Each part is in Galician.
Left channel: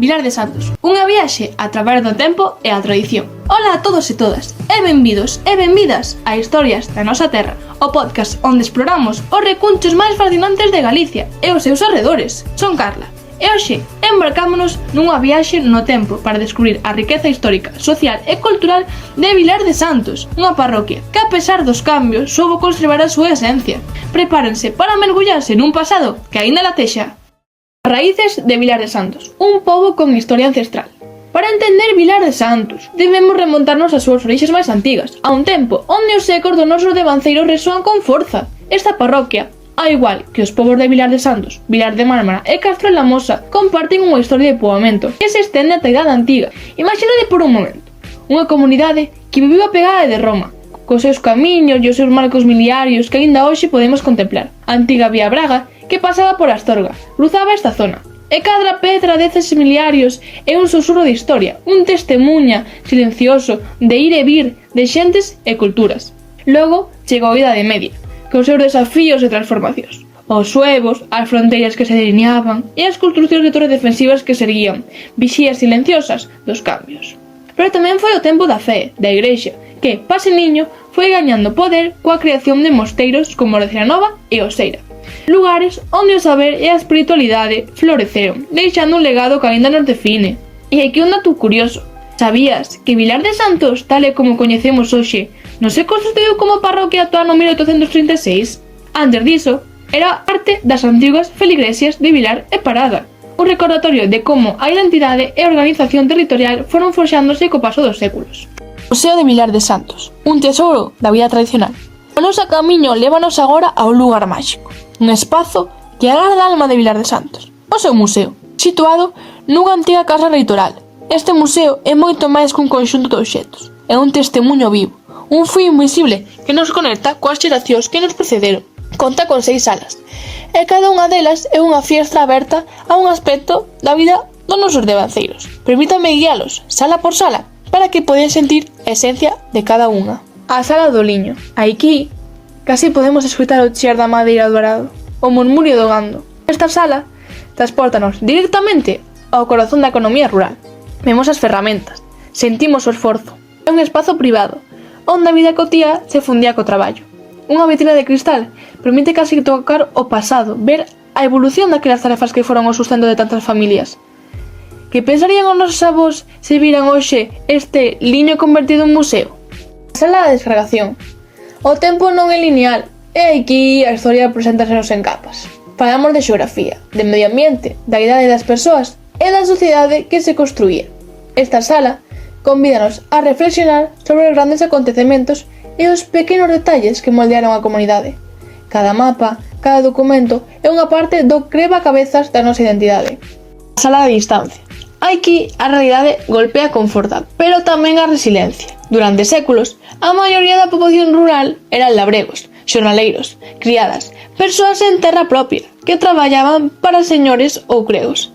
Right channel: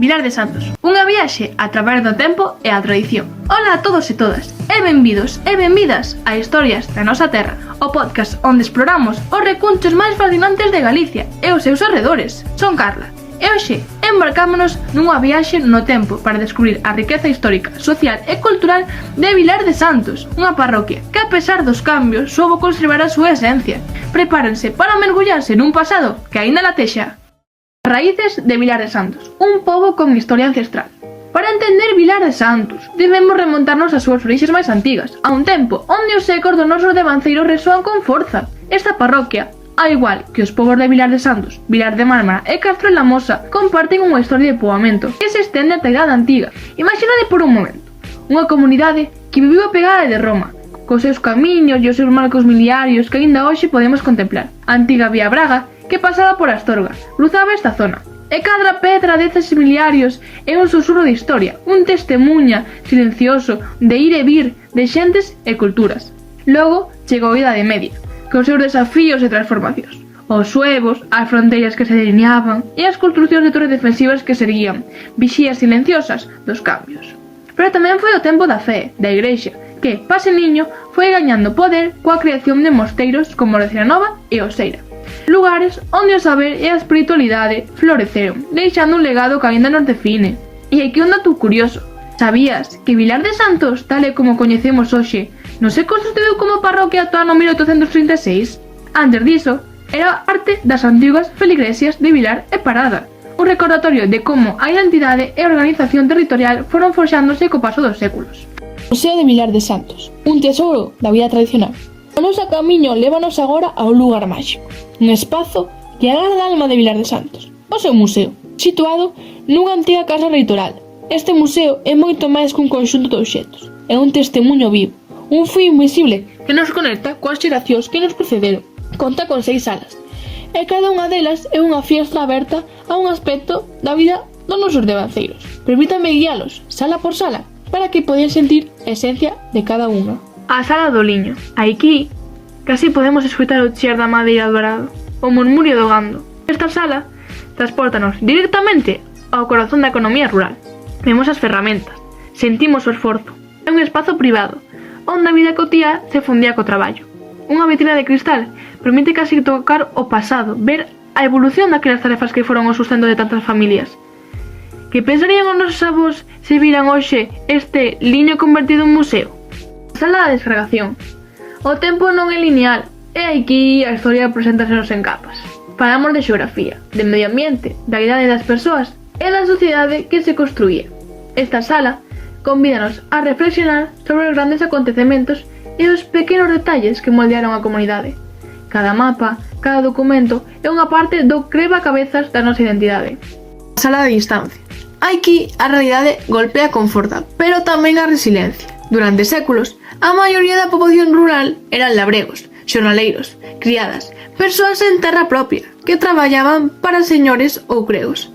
Vilar de Santos, unha viaxe a través do tempo e a tradición. Ola a todos e todas, e benvidos e benvidas a Historias da Nosa Terra, o podcast onde exploramos os recunchos máis fascinantes de Galicia e os seus arredores. Son Carla, e hoxe embarcámonos nunha viaxe no tempo para descubrir a riqueza histórica, social e cultural de Vilar de Santos, unha parroquia que, a pesar dos cambios, soubo conservar a súa esencia. Prepárense para mergullarse nun pasado que aínda latexa. Raíces de Vilar de Santos, un pobo con historia ancestral. Para entender Vilar de Santos, debemos remontarnos ás súas orixes máis antigas, a un tempo onde os ecos dos nosos devanceiros resoan con forza. Esta parroquia, ao igual que os povos de Vilar de Santos, Vilar de Mármara e Castro de la Mosa, comparten unha historia de poboamento que se estende ata a Idade Antiga. Imaginade por un momento unha comunidade que viviu apegada de Roma, cos seus camiños e os seus marcos miliarios que aínda hoxe podemos contemplar. A antiga Vía Braga, que pasaba por Astorga, cruzaba esta zona. E cada pedra deses miliarios é un susurro de historia, un testemunha silencioso de ir e vir de xentes e culturas. Logo chegou a Idade Media, cos seus desafíos e transformacións. Os suevos, as fronteiras que se delineaban e as construcións de torres defensivas que se erguían, vixías silenciosas dos cambios. Pero tamén foi o tempo da fe, da Igrexa, que, paseniño, foi gañando poder coa creación de mosteiros como o de Ciranova e Oseira, lugares onde o saber e a espiritualidade floreceron, deixando un legado que aínda nos define. E aquí un dato curioso: sabías que Vilar de Santos, tal e como coñecemos hoxe, non se constituíu como parroquia ata o ano 1836? Antes diso, era parte das antiguas feligresias de Vilar e Parada, un recordatorio de como a identidade e a organización territorial foron forxándose co paso dos séculos. Museo de Vilar de Santos, un tesouro da vida tradicional. O noso camiño lévanos agora a un lugar máxico, un espazo que agarda a alma de Vilar de Santos, o seu museo, situado nunha antiga casa reitoral. Este museo é moito máis que un conxunto de obxectos, é un testemunho vivo, un fío invisible que nos conecta coas xeracións que nos precederon. Conta con 6 salas, e cada unha delas é unha fiestra aberta a un aspecto da vida dos nosos devanceiros. Permítame guialos, sala por sala, para que poden sentir a esencia de cada unha. A sala do liño. Aquí casi podemos escoitar o chear da madeira do arado, o murmurio do gando. Esta sala transportanos directamente ao corazón da economía rural. Vemos as ferramentas, sentimos o esforzo. É un espazo privado, onde a vida cotía se fundía co traballo. Unha vitrina de cristal permite casi tocar o pasado, ver a evolución daquelas tarefas que foron o sustento de tantas familias. Que pensarían os nosos avós se viran hoxe este liño convertido en museo? Sala da descargación. O tempo non é lineal, e aquí a historia preséntasenos en capas. Falamos de xeografía, de medio ambiente, da idade das persoas e da sociedade que se construía. Esta sala convídanos a reflexionar sobre os grandes acontecementos e os pequenos detalles que moldearon a comunidade. Cada mapa, cada documento é unha parte do creba-cabezas da nosa identidade. Sala de distancia. Aquí a realidade golpea con forza, pero tamén a resiliencia. Durante séculos, a maioría da poboación rural eran labregos, xornaleiros, criadas, persoas en terra propia, que traballaban para señores ou cregos.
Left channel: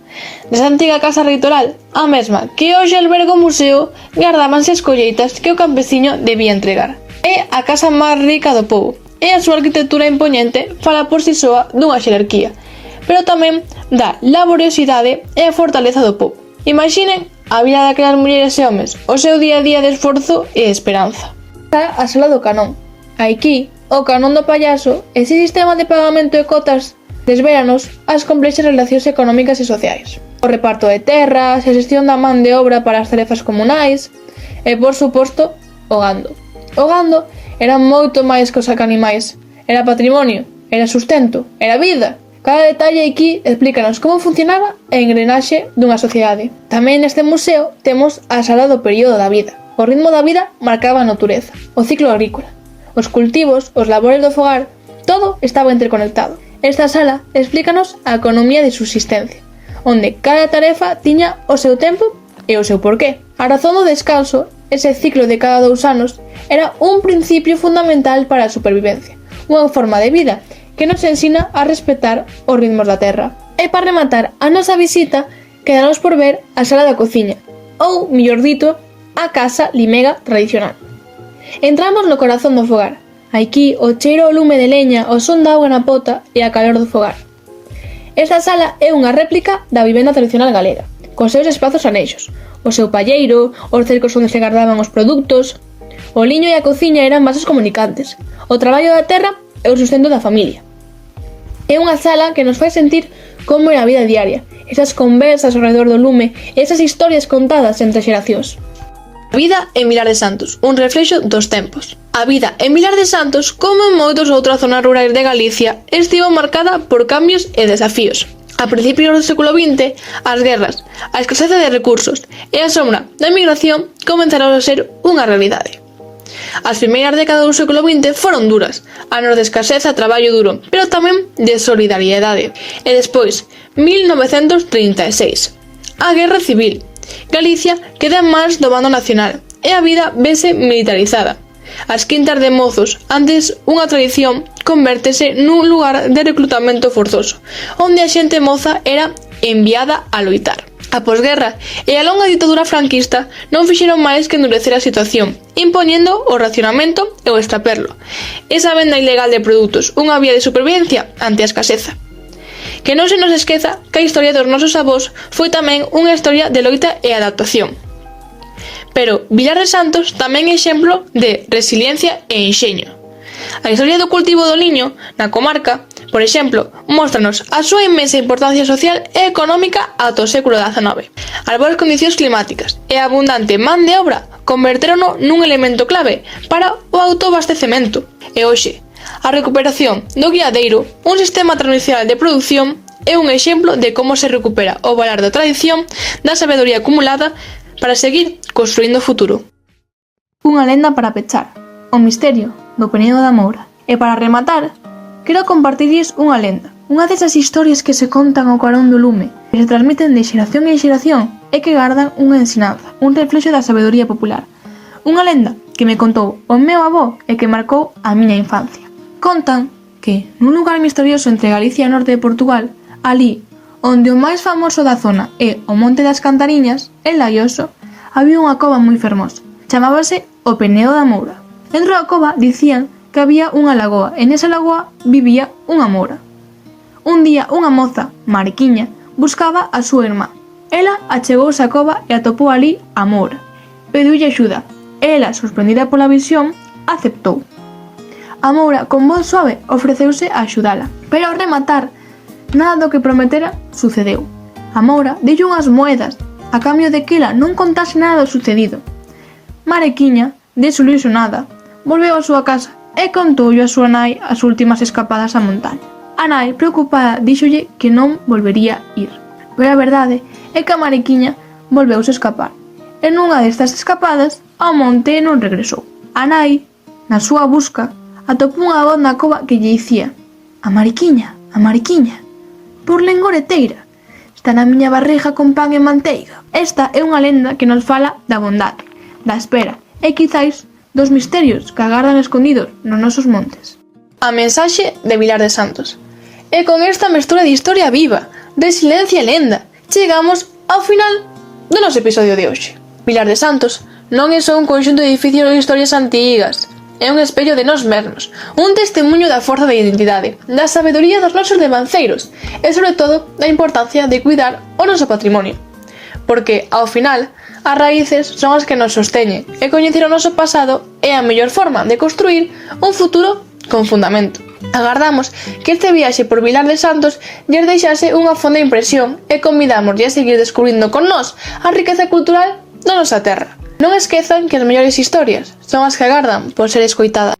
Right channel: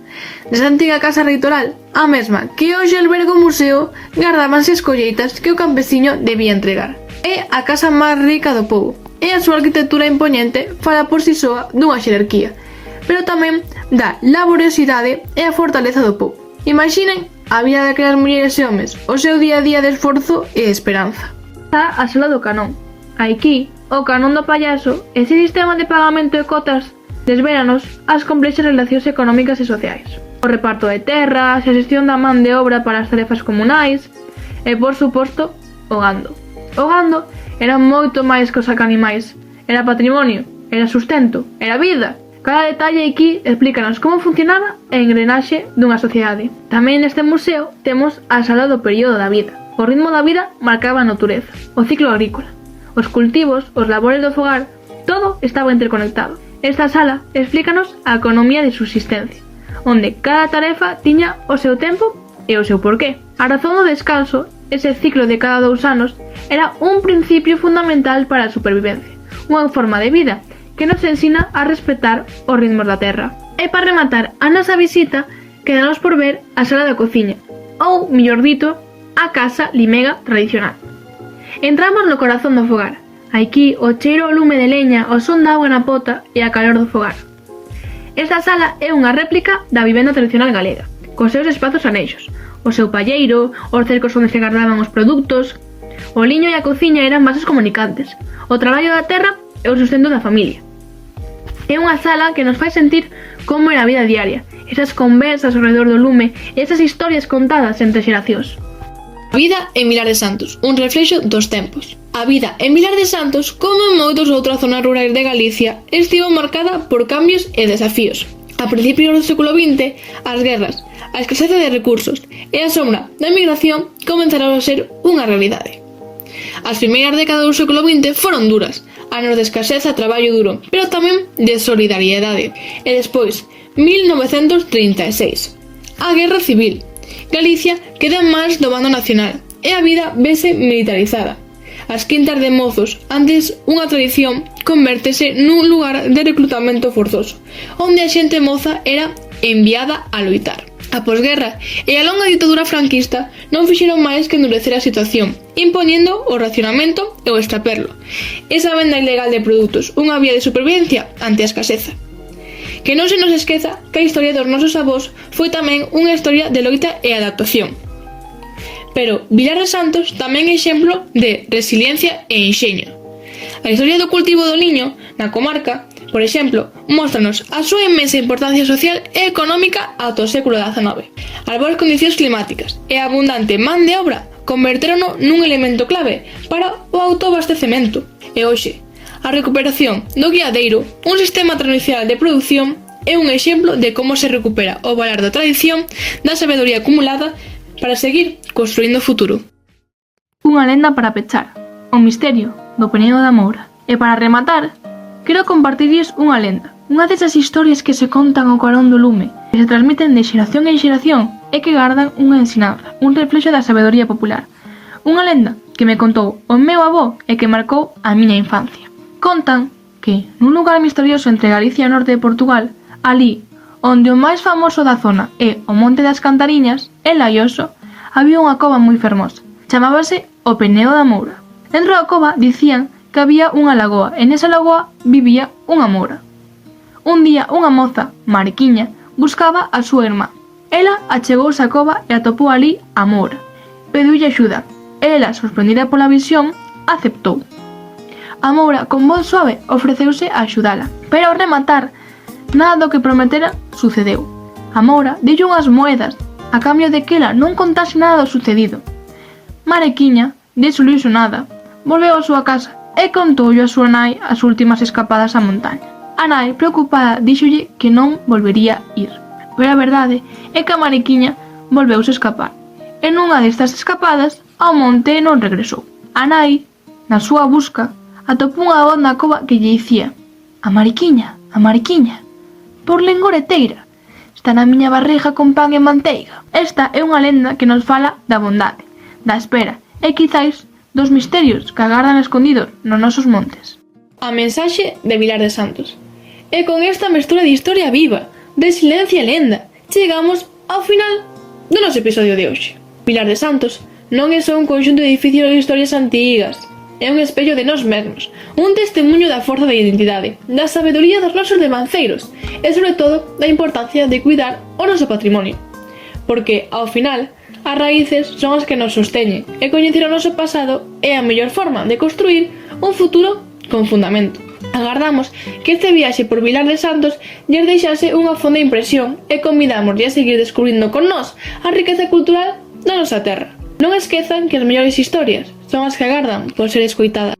Nesa antiga casa reitoral, a mesma que hoxe alberga o museo, gardábanse as colleitas que o campesiño debía entregar. É a casa máis rica do pobo, e a súa arquitectura impoñente fala por si soa dunha xerarquía, pero tamén da laboriosidade e a fortaleza do pobo. Imaginen a vida daquelas mulleres e homes, o seu día a día de esforzo e esperanza. Está a sala do canón. Aquí, o canón do payaso, ese sistema de pagamento de cotas, desvéranos as complexas relacións económicas e sociais. O reparto de terras, a xestión da man de obra para as tarefas comunais e, por suposto, o gando. O gando era moito máis que os animais. Era patrimonio, era sustento, era vida. Cada detalle aquí explícanos como funcionaba a engrenaxe dunha sociedade. Tamén neste museo temos a sala do período da vida. O ritmo da vida marcaba a natureza, o ciclo agrícola, os cultivos, os labores do fogar, todo estaba interconectado. Esta sala explícanos a economía de subsistencia, onde cada tarefa tiña o seu tempo e o seu porqué. A razón do descanso, ese ciclo de cada 2 anos, era un principio fundamental para a supervivencia, unha forma de vida que nos ensina a respetar os ritmos da terra. E para rematar a nosa visita, quedanos por ver a sala da cociña, ou, mellor dito, a casa limega tradicional. Entramos no corazón do fogar. Aquí o cheiro ao lume de leña, o son da auga na pota e a calor do fogar. Esta sala é unha réplica da vivenda tradicional galega. cos seus espazos anexos, o seu palleiro, os cercos onde se guardaban os produtos. O liño e a cociña eran vasos comunicantes, o traballo da terra e o sustento da familia. É unha sala que nos fai sentir como é a vida diaria, esas conversas ao redor do lume e esas historias contadas entre xeracións. A vida en Vilar de Santos, un reflexo dos tempos. A vida en Vilar de Santos, como en moitos outras zonas rurais de Galicia, estivo marcada por cambios e desafíos. A principios do século XX, as guerras, a escaseza de recursos e a sombra da emigración comenzaron a ser unha realidade. As primeiras décadas do século XX foron duras, anos de escaseza e traballo duro, pero tamén de solidariedade. E despois, 1936, a Guerra Civil. Galicia queda en mans do bando nacional e a vida vese militarizada. As quintas de mozos, antes unha tradición, convértese nun lugar de reclutamento forzoso, onde a xente moza era enviada a loitar. A posguerra e a longa ditadura franquista non fixeron máis que endurecer a situación, impoñendo o racionamento e o extraperlo. Esa venda ilegal de produtos, unha vía de supervivencia ante a escaseza. Que non se nos esqueza que a historia dos nosos avós foi tamén unha historia de loita e adaptación. Pero Vilar de Santos tamén é exemplo de resiliencia e enxeño. A historia do cultivo do liño na comarca, por exemplo, móstranos a súa inmensa importancia social e económica ata o século XIX. As boas condicións climáticas e a abundante man de obra convertérono nun elemento clave para o autoabastecemento. E hoxe, a recuperación do guiadeiro, un sistema tradicional de produción, é un exemplo de como se recupera o valor da tradición, da sabedoría acumulada, para seguir construindo o futuro. Unha lenda para pechar, o misterio do Penedo da Moura. E para rematar, quero compartirlles unha lenda, unha desas historias que se contan ao carón do lume, que se transmiten de xeración en xeración e que gardan unha ensinanza, un reflexo da sabedoría popular. Unha lenda que me contou o meu avó e que marcou a miña infancia. Contan que, nun lugar misterioso entre Galicia e o norte de Portugal, alí, onde o máis famoso da zona é o Monte das Cantariñas, en Laioso, había unha cova moi fermosa. Chamábase o Penedo da Moura. Dentro da cova dicían que había unha lagoa e nesa lagoa vivía unha moura. Un día unha moza, Mariquiña, buscaba a súa irmá. Ela achegouse á cova e atopou ali a moura. Pediulle axuda e ela, sorprendida pola visión, aceptou. A moura, con voz suave, ofreceuse a axudala, pero ao rematar, nada do que prometera sucedeu. A moura deulle unhas moedas, a cambio de que ela non contase nada do sucedido. Mariquiña, desilusionada, volveu á súa casa e contoulle a súa nai as últimas escapadas á montaña. A nai, preocupada, díxolle que non volvería ir. Pero a verdade é que a Mariquiña volveuse a escapar. E nunha destas escapadas, ao monte non regresou. A nai, na súa busca, atopou unha voz na cova que lle dicía: a Mariquiña, por lengoreteira, está na miña barriga con pan e manteiga. Esta é unha lenda que nos fala da bondade, da espera e quizáis dos misterios que agardan escondidos nos nosos montes. A mensaxe de Vilar de Santos. E con esta mestura de historia viva, de silencio e lenda, chegamos ao final do noso episodio de hoxe. Vilar de Santos non é só un conxunto de edificios e historias antigas, é un espello de nós mesmos, un testemunho da forza da identidade, da sabedoría dos nosos devanceiros e, sobre todo, da importancia de cuidar o noso patrimonio. Porque, ao final, as raíces son as que nos sosteñen e coñecer o noso pasado é a mellor forma de construir un futuro con fundamento. Agardamos que este viaxe por Vilar de Santos lles deixase unha fonda impresión e convidamos a seguir descubrindo con nós a riqueza cultural da nosa terra. Non esquezan que as mellores historias son as que agardan por ser escoitadas.